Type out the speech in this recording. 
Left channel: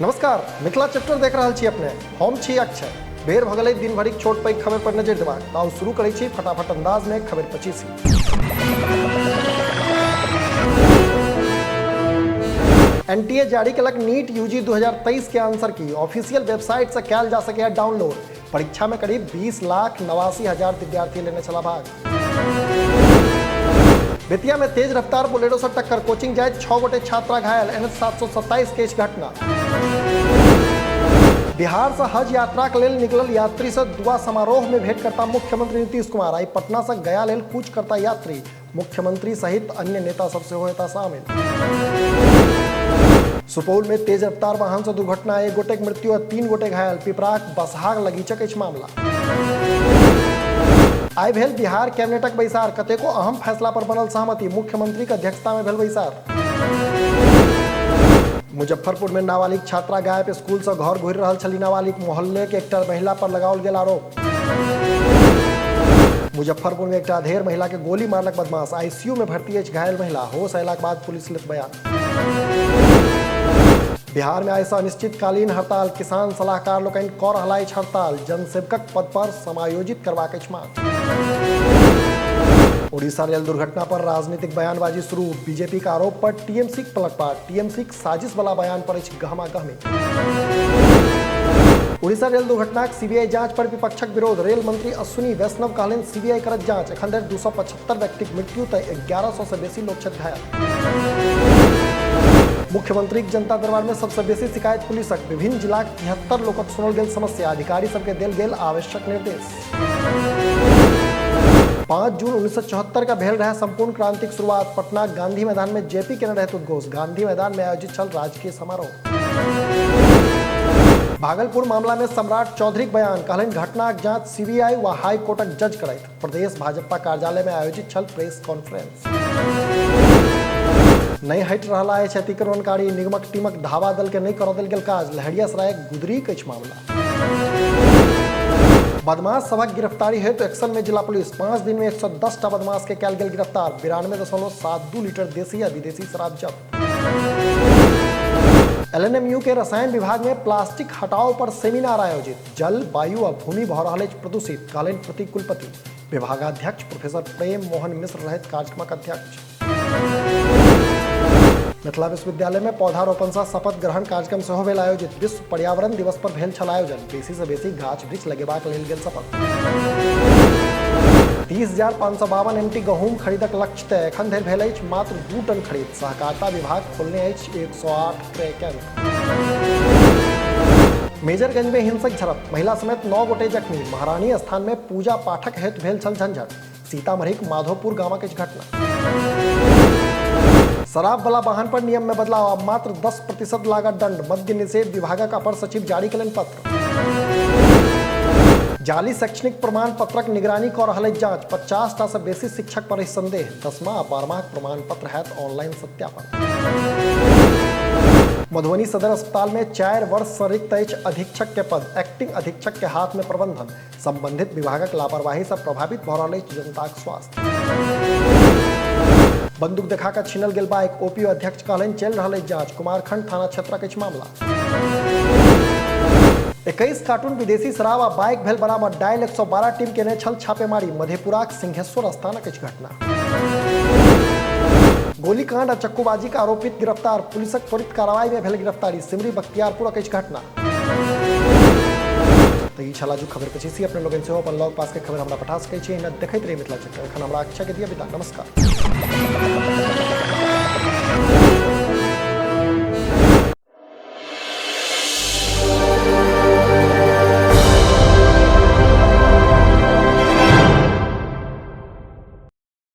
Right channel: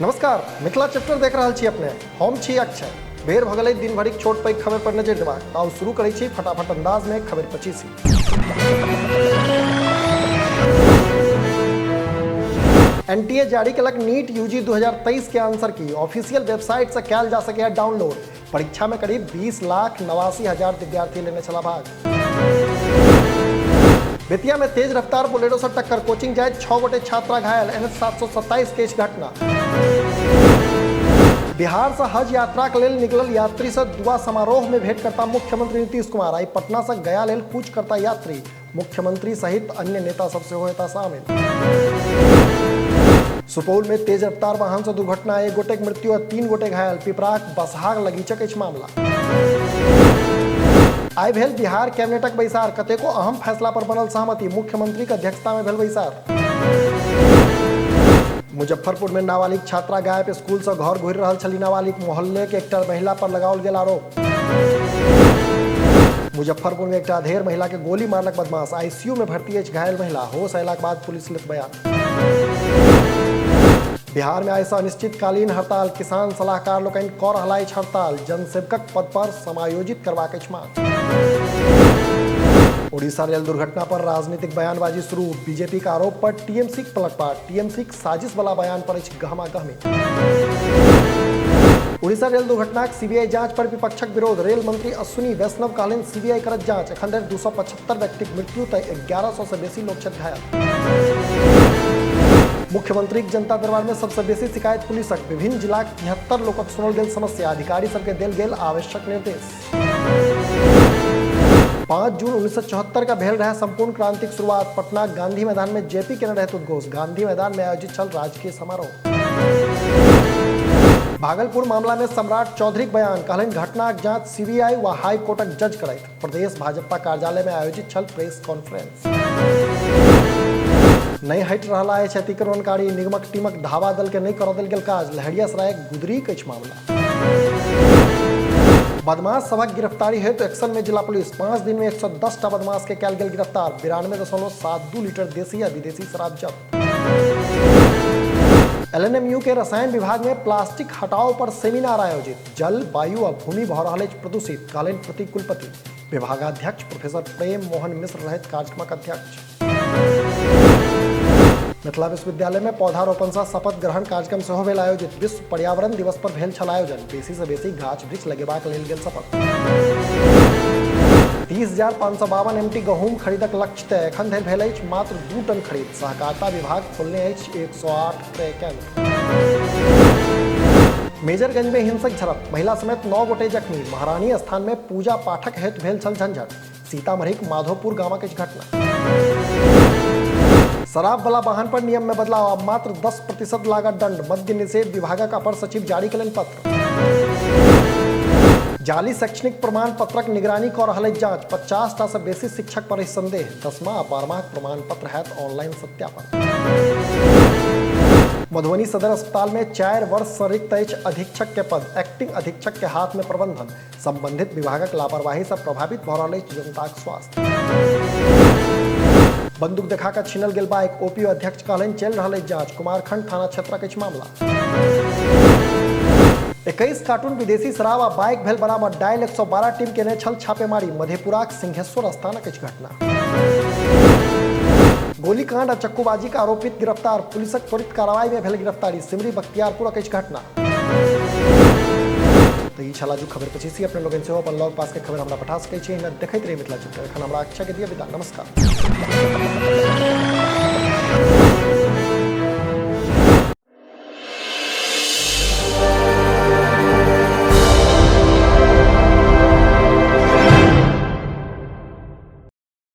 नमस्कार, मिथिला चैप्टर देख रहल छी अपने। हम छी अक्षय। बेर भ गेलै दिन भरिक छोट पैघ खबर पर नजरि देबाक। आउ शुरू करै छी फटाफट अंदाज में खबर 25। एनटीए जारी कलक नीट यूजी 2023 के आंसर की ऑफिशियल वेबसाइट से कयल जा सके डाउनलोड। परीक्षा में करीब 20,89,000 विद्यार्थी लेने चला भाग। बेतिया में तेज रफ्तार बोलेरो से टक्कर, कोचिंग जाए 6 गोटे छात्रा घायल, NH 727 के घटना। बिहार से हज यात्रा के लेल निकलल यात्री से दुआ समारोह में भेंट करता मुख्यमंत्री नीतीश कुमार। आई पटना से गया लेल कूच करता यात्री, मुख्यमंत्री सहित अन्य नेता सबसे होता शामिल। सुपौल में तेज रफ्तार वाहन से दुर्घटना, 1 गोटे की मृत्यु और 3 गोटे घायल। पिपराक बसहाग लगीचक अछि मामला। आई भेल बिहार कैबिनेटक बैसार, कतेको अहम फैसला पर बनल सहमति, मुख्यमंत्री के अध्यक्षता में भेल बैसार। मुजफ्फरपुर में नाबालिग छात्रा गायब, स्कूल से घर घुरि रहल छली नाबालिग, मोहल्ले के एकटा महिला पर लगाओल गेल आरोप। मुजफ्फरपुर में एकटा अधेड़ महिला के गोली मारलक बदमाश, आईसीयू में भर्ती अछि घायल महिला, होश अयलाक बाद पुलिस लेत बयान। बिहार में आइ से अनिश्चितकालीन हड़ताल, किसान सलाहकार लोकनि कऽ रहल अछि हड़ताल, जनसेवकक पद पर समायोजित करबाक अछि मांग। उड़ीसा रेल दुर्घटना पर राजनीतिक बयानबाजी शुरू, बीजेपी का आरोप पर टीएमसी के पलटवार, टीएमसी के साजिश वाला बयान पर गहमा-गहमी। उड़ीसा रेल दुर्घटना सीबीआई जांच पर विपक्षक विरोध, रेल मंत्री अश्विनी वैष्णव कहलनि सीबीआई करत जांच, एखन धरि 275 व्यक्तिक मृत्यु तय 1100 से बेसी लोक छथि घायल। मुख्यमंत्री के जनता दरबार में सबसे बेसी शिकायत पुलिसक, विभिन्न जिलाक 73 लोकक सुनल गेल समस्या, अधिकारी सबके देल गेल आवश्यक निर्देश। 5 जून 1974 का भेल रहा संपूर्ण क्रांतिक शुरुआत, पटना गांधी मैदान में जेपी के रहत उद्घोष, गांधी मैदान में आयोजित छल राजकीय समारोह। भागलपुर मामला में सम्राट चौधरी बयान, कहलनि घटनाक जांच सीबीआई व हाई कोर्टक जज करैत, प्रदेश भाजपा कार्यालय में आयोजित छल प्रेस कॉन्फ्रेंस। नहीं हट रहा है अतिक्रमणकारी, निगमक टीमक धावा दल के नहीं कर देल गेल काज, लहरियासराय गुदरी के मामला। बदमाश सबक गिरफ्तारी हेतु एक्शन में जिला पुलिस, 5 दिन में 110 टा बदमाश के कयल गेल गिरफ्तार, 92.72 लीटर देसी या विदेशी शराब जब्त। LNMU के रसायन विभाग में प्लास्टिक हटाओ पर सेमिनार आयोजित, जल वायु और भूमि भऽ रहल अछि प्रदूषित, कहलनि प्रतिकुलपति, विभागाध्यक्ष प्रोफेसर प्रेम मोहन मिश्र रहत कार्यक्रमक अध्यक्ष। मिथिला विश्वविद्यालय में पौधारोपण से शपथ ग्रहण कार्यक्रम सेहो भेल आयोजित, विश्व पर्यावरण दिवस पर भेल छल आयोजन, बेसी से बेसी गाछ वृक्ष लगेबाक लेल गेल शपथ। 30,552 MT गहूम खरीदक लक्ष्य तय, एखन धरि भेल अछि मात्र 2 टन खरीद, सहकारिता विभाग खोलने अछि 108 क्रय केंद्र। मेजरगंज में हिंसक झड़प, महिला समेत 9 गोटे जख्मी, महारानी स्थान में पूजा पाठक हेतु भेल छल झंझट, सीतामढ़ीक माधोपुर गामक अछि घटना। शराब वाला वाहन पर नियम में बदलाव, अब मात्र 10% लागत दंड, मद्य निषेध विभागक अपर सचिव जारी कयलनि पत्र। जाली शैक्षणिक प्रमाण पत्रक निगरानी कऽ रहल अछि जांच, 50 टा से बेसी शिक्षक पर अछि संदेह, 10वां आ 12वां प्रमाण पत्र हैत ऑनलाइन सत्यापन। मधुबनी सदर अस्पताल में 4 वर्ष से रिक्त अछि अधीक्षक के पद, एक्टिंग अधीक्षक के हाथ में प्रबंधन, संबंधित विभागक लापरवाही से प्रभावित भऽ रहल अछि जनताक स्वास्थ्य। बंदूक देखा कर छीनल गेल बाइक, ओपीओ अध्यक्ष कहलनि चल रहा जांच, कुमारखंड थाना क्षेत्रक अछि मामला। 21 कार्टून विदेशी शराब आ बाइक भेल बरामद, डायल 112 टीम केने छल छापेमारी, मधेपुराक सिंहेश्वर स्थानक अछि घटना। गोलीकांड आ चक्कूबाजी का आरोपित गिरफ्तार, पुलिसक त्वरित कार्रवाई में भेल गिरफ्तारी, सिमरी बख्तियारपुरक अछि घटना। तो ये छला जो खबर 25 अपने लोगन से अपन लॉग पास के खबर हमरा पठा सकै छी, न देखैत रही मिथिला चैप्टर। एखन हमरा अक्षय के दिया विदा, नमस्कार।